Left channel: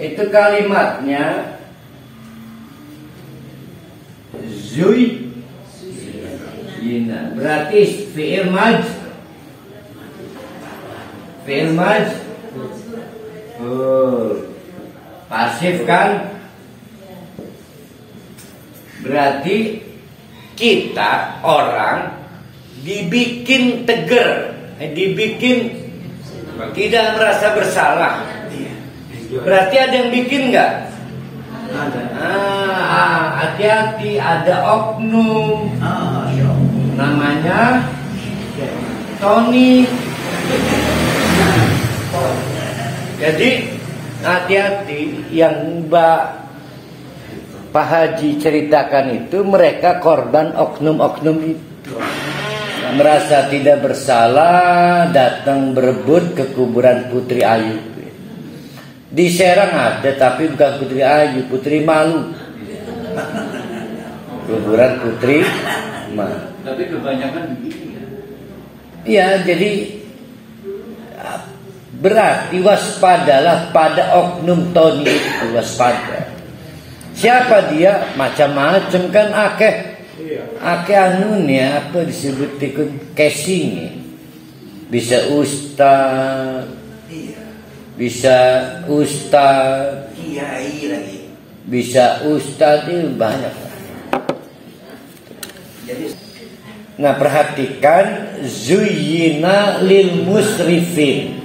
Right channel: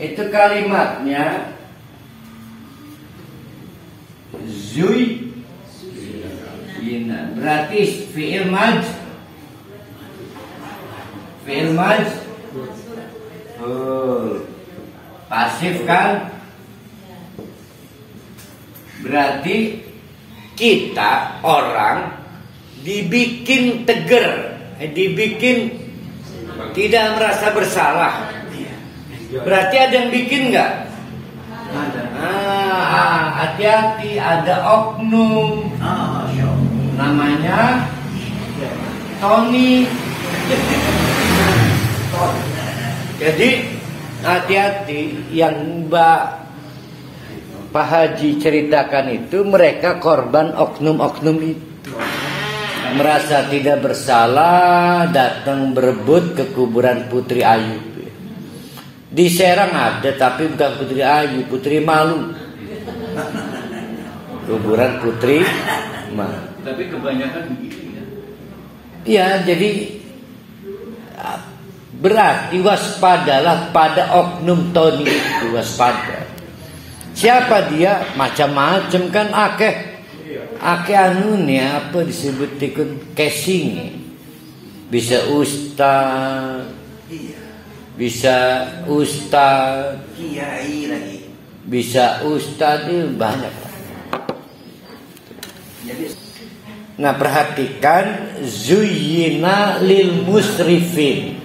Itu kalimatnya Zuyyina. Berarti fi'il maj. Fi'il maj. Pasif kan? Berarti kita orang dibikin tegar, dibikin tidak merasa bersalah. Berarti ada yang bikin nggak? Ada. Hati-hati, ada oknum. Namanya Tony. Jadi hati-hati, yang Pak Haji ceritakan itu mereka korban oknum-oknum itu. Merasa tidak bersalah, datang berebut ke kuburan Putri Ayu. Di Serang ada, tapi bukan Putri Ayu, Putri Malu. Kuburan Putri Malu. Tapi kebanyakan begitu ya. Iya, jadi berarti waspadalah pada oknum Tony itu, waspada. Siapa dia? Macam-macam kan, akeh anunya apa disebut casing. Bisa ustaz, Kiai lagi. bisa ustaz, itu banyak. Nah, perhatikan zuyyina lil musrifin.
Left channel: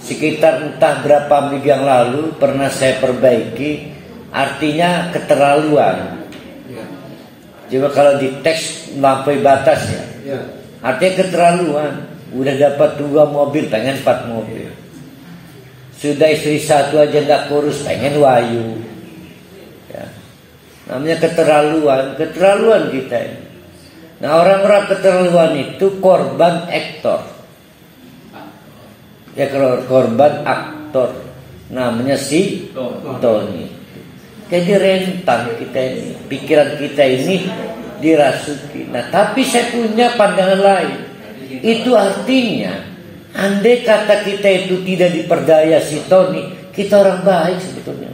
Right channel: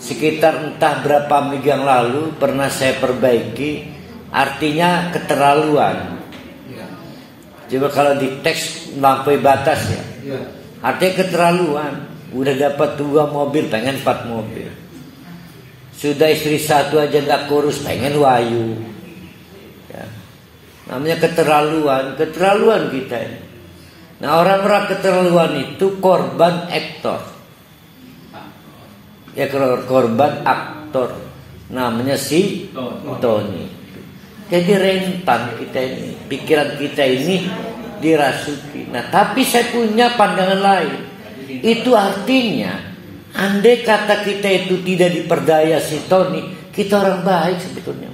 Sekitar entah berapa minggu yang lalu pernah saya perbaiki, artinya keterlaluan. Coba kalau di teks melampaui batas ya. Artinya keterlaluan. Udah dapat 2 mobil, pengen 4 mobil. Sudah istri 1 aja nggak kurus, pengen wayu. Ya. Namanya keterlaluan kita ini. Nah, orang-orang keterlaluan itu korban aktor. Ya, korban aktor. Namanya si Tony. Jadi rentan kita ini, pikiran kita ini dirasuki. Nah, tapi saya punya pandangan lain. Itu artinya, andai kata kita itu tidak diperdaya si Tony, kita orang baik sebetulnya.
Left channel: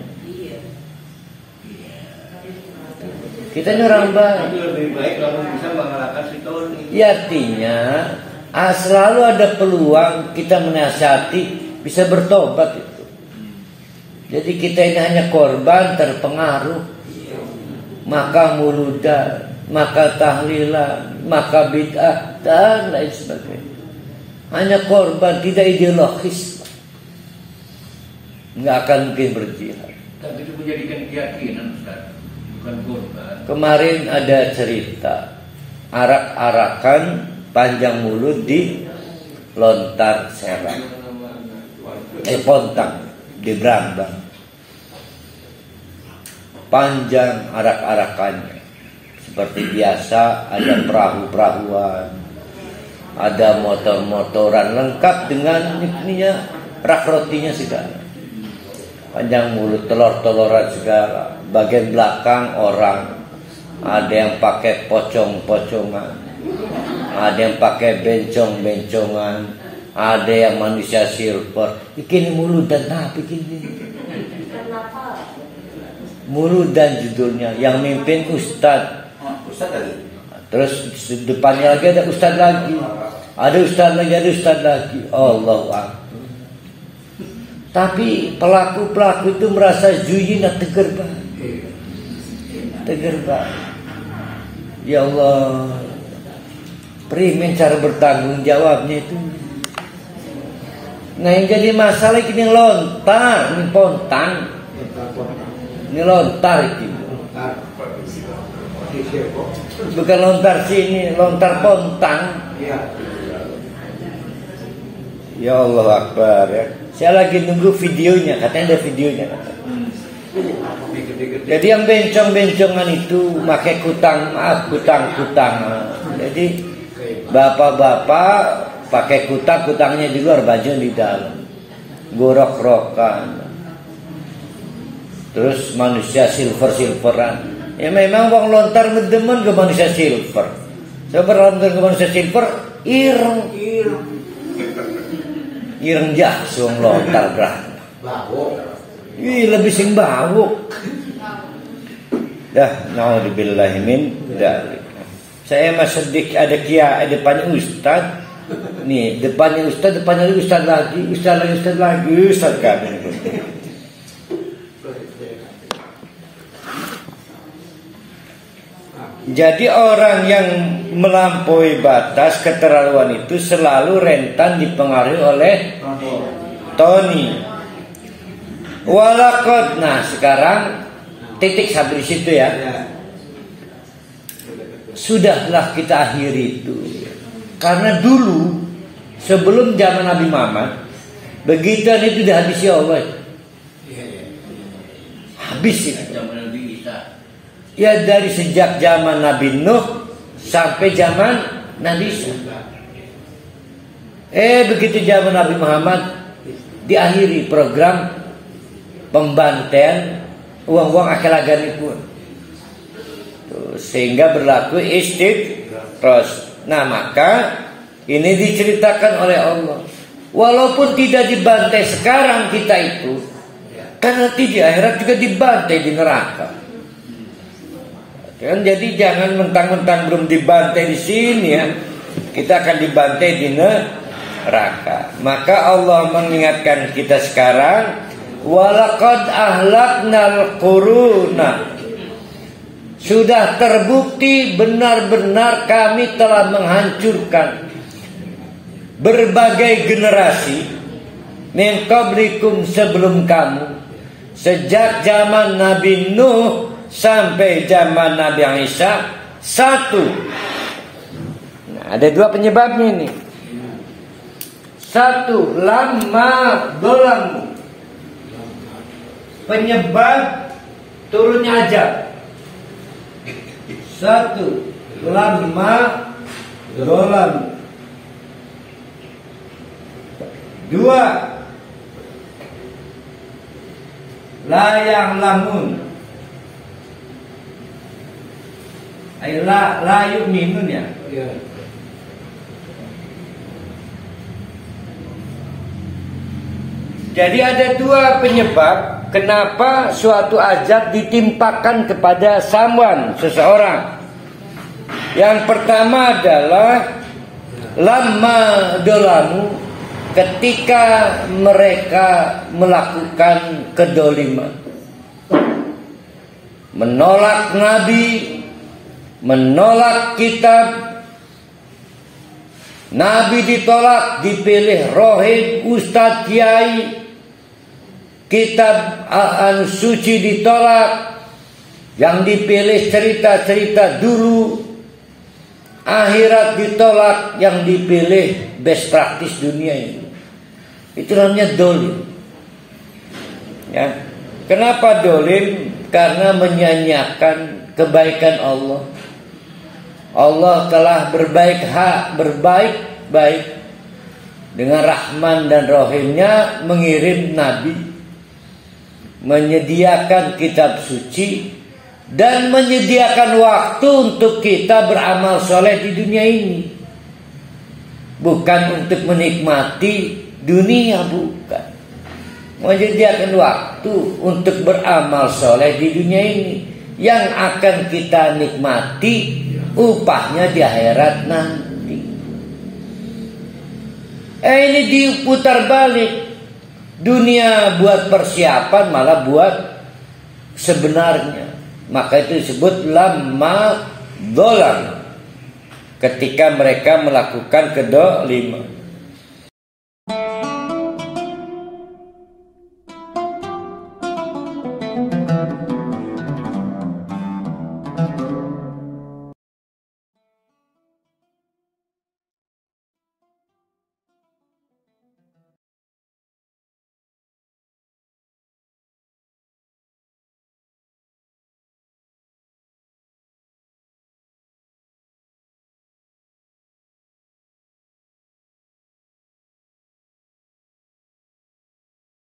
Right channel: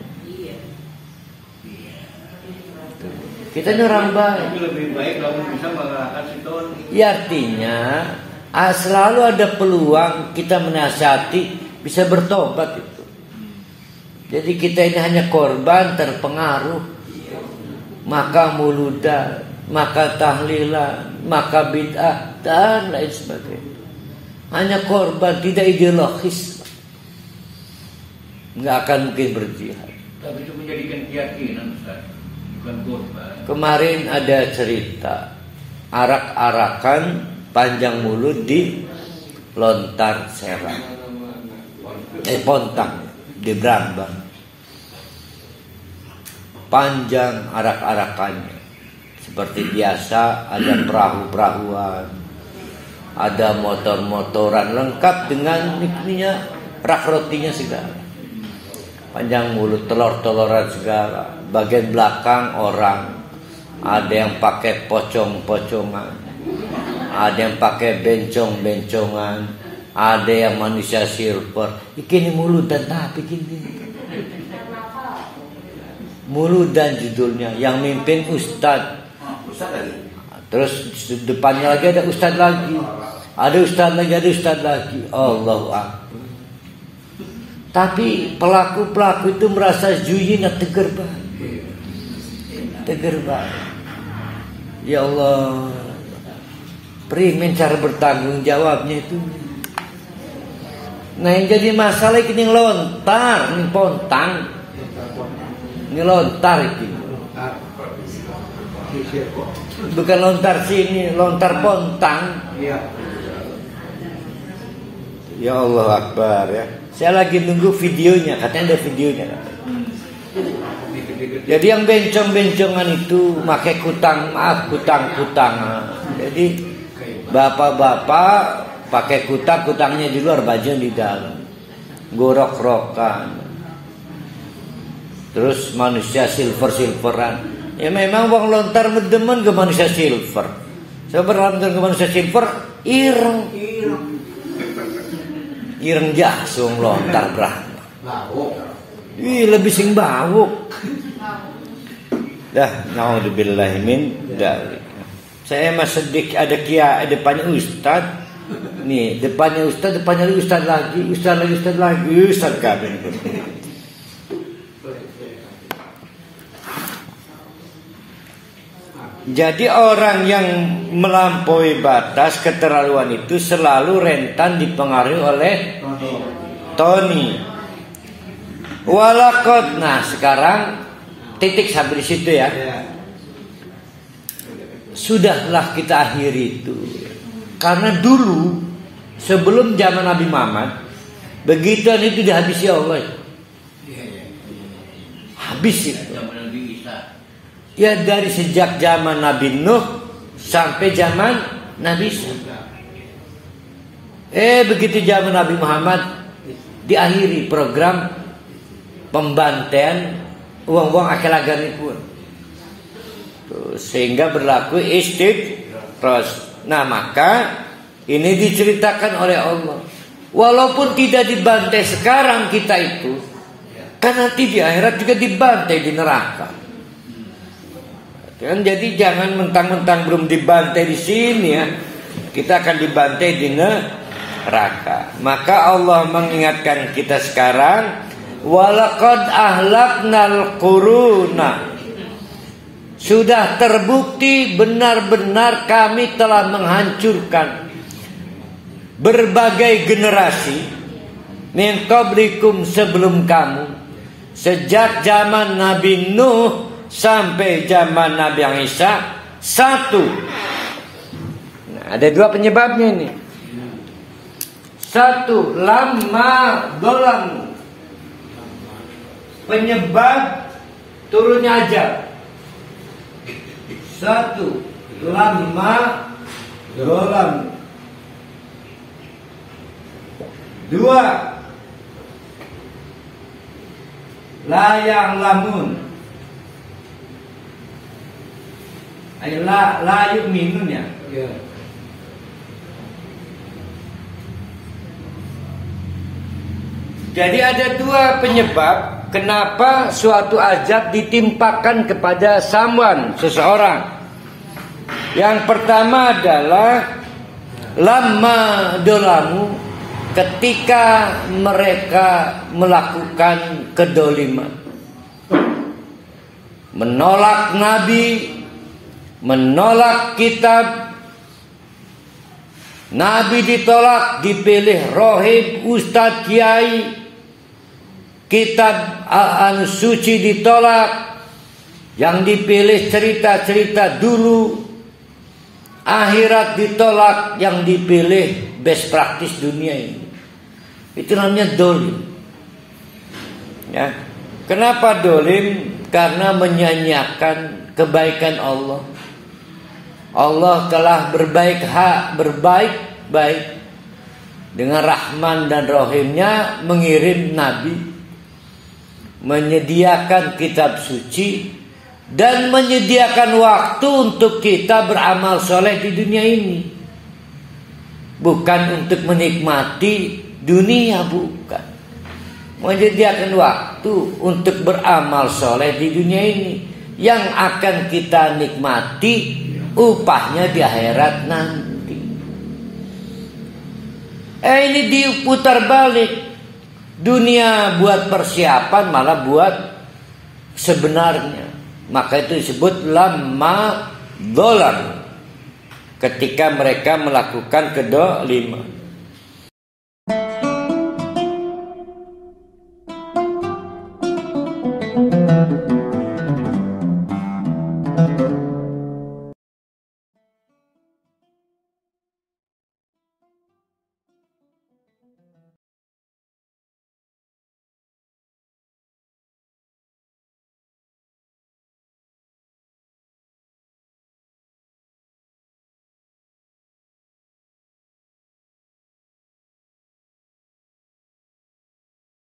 Kita ini orang baik. Tapi lebih baik kalau bisa mengalahkan si Tony. Ya, artinya selalu ada peluang kita menasihati, bisa bertobat itu. Jadi kita ini hanya korban terpengaruh, maka muludan, maka tahlilan, maka bid'ah dan lain sebagainya. Hanya korban, tidak ideologis. Nggak akan mungkin berjihad. Tapi itu menjadikan keyakinan, Ustaz, bukan korban. Kemarin ada cerita arak-arakan panjang mulut di Lontar Serang, Pontang di Brambang. Panjang arak-arakannya. Seperti biasa ada perahu-perahuan, ada motor-motoran lengkap dengan ininya, rak rotinya segala. Panjang mulut, telur-teloran segala. Bagian belakang orang, ada yang pakai pocong-pocongan, ada yang pakai bencong-bencongan, ada yang manusia silver. Bikin mulut dan bikin mulut dan judulnya, yang mimpin Ustadz. Terus depannya lagi ada Ustadz lagi, ada Ustadz lagi. Allahu Akbar. Tapi pelaku-pelaku itu merasa zuyyina, tegar banget. Ya Allah, primen cara bertanggung jawabnya itu. Nah, yang jadi masalah ini lontar, ini pontang. Ini lontar ini. Bukan lontar sini, lontar pontang. Ya Allah Akbar ya. Saya lagi nunggu videonya, katanya ada videonya. Jadi yang bencong-bencongan itu pakai kutang. Jadi bapak-bapak pakai kutangnya di luar, baju di dalam. Gorok-rokan. Terus manusia silver-silveran. Ya memang wong lontar ngedemen ke manusia silver. Saya berlontar ke manusia silver, ireng. Irenjah suang lontar berang. Lebih sing bau. Dah, naudzubillahi min dzalik. Saya masih sedikit ada depannya ustaz. Nih, depannya ustaz lagi, ustaz kami. Jadi orang yang melampaui batas keterlaluan itu selalu rentan dipengaruhi oleh Tony. Walakot. Nah sekarang titik sampai di situ ya. Sudahlah kita akhiri itu. Karena dulu sebelum zaman Nabi Muhammad begitu itu dihabisi Allah. Habis itu. Ya dari sejak zaman Nabi Nuh sampai zaman Nabi Isa. Begitu zaman Nabi Muhammad diakhiri program pembantaian uang-uang akal-agani pun. Sehingga berlaku istighfar. Nah maka ini diceritakan oleh Allah. Walaupun tidak dibantai sekarang kita itu, kan nanti di akhirat juga dibantai di neraka. Kan jadi jangan mentang-mentang belum dibantai di sini ya, kita akan dibantai di neraka. Maka Allah mengingatkan kita sekarang, walaqad ahlaknal quruna. Sudah terbukti benar-benar kami telah menghancurkan berbagai generasi min qablikum sebelum kamu, sejak zaman Nabi Nuh sampai zaman Nabi Isa. Satu. Nah, ada dua penyebabnya ini. Satu, lama dolam. Penyebab turunnya azab. Satu, lama dolam. Dua, layang lamun. La yu'minun ya. Jadi ada dua penyebab kenapa suatu azab ditimpakan kepada seseorang. Yang pertama adalah lama dolamu, ketika mereka melakukan kedoliman, menolak Nabi, menolak kitab. Nabi ditolak, dipilih rohib, ustadz, kiai. Kitab suci ditolak, yang dipilih cerita-cerita dulu. Akhirat ditolak, yang dipilih best practice dunia ini. Itu namanya dolim. Ya. Kenapa dolim? Karena menyanyiakan kebaikan Allah. Allah telah berbaik dengan Rahman dan Rahimnya mengirim Nabi, menyediakan kitab suci, dan menyediakan waktu untuk kita beramal soleh di dunia ini. Bukan untuk menikmati dunia, bukan. Menyediakan waktu untuk beramal soleh di dunia ini, yang akan kita nikmati upahnya di akhirat nanti. Ini diputar balik. Dunia buat persiapan, malah buat sebenarnya. Maka itu disebut lama dolar, ketika mereka melakukan kedoliman.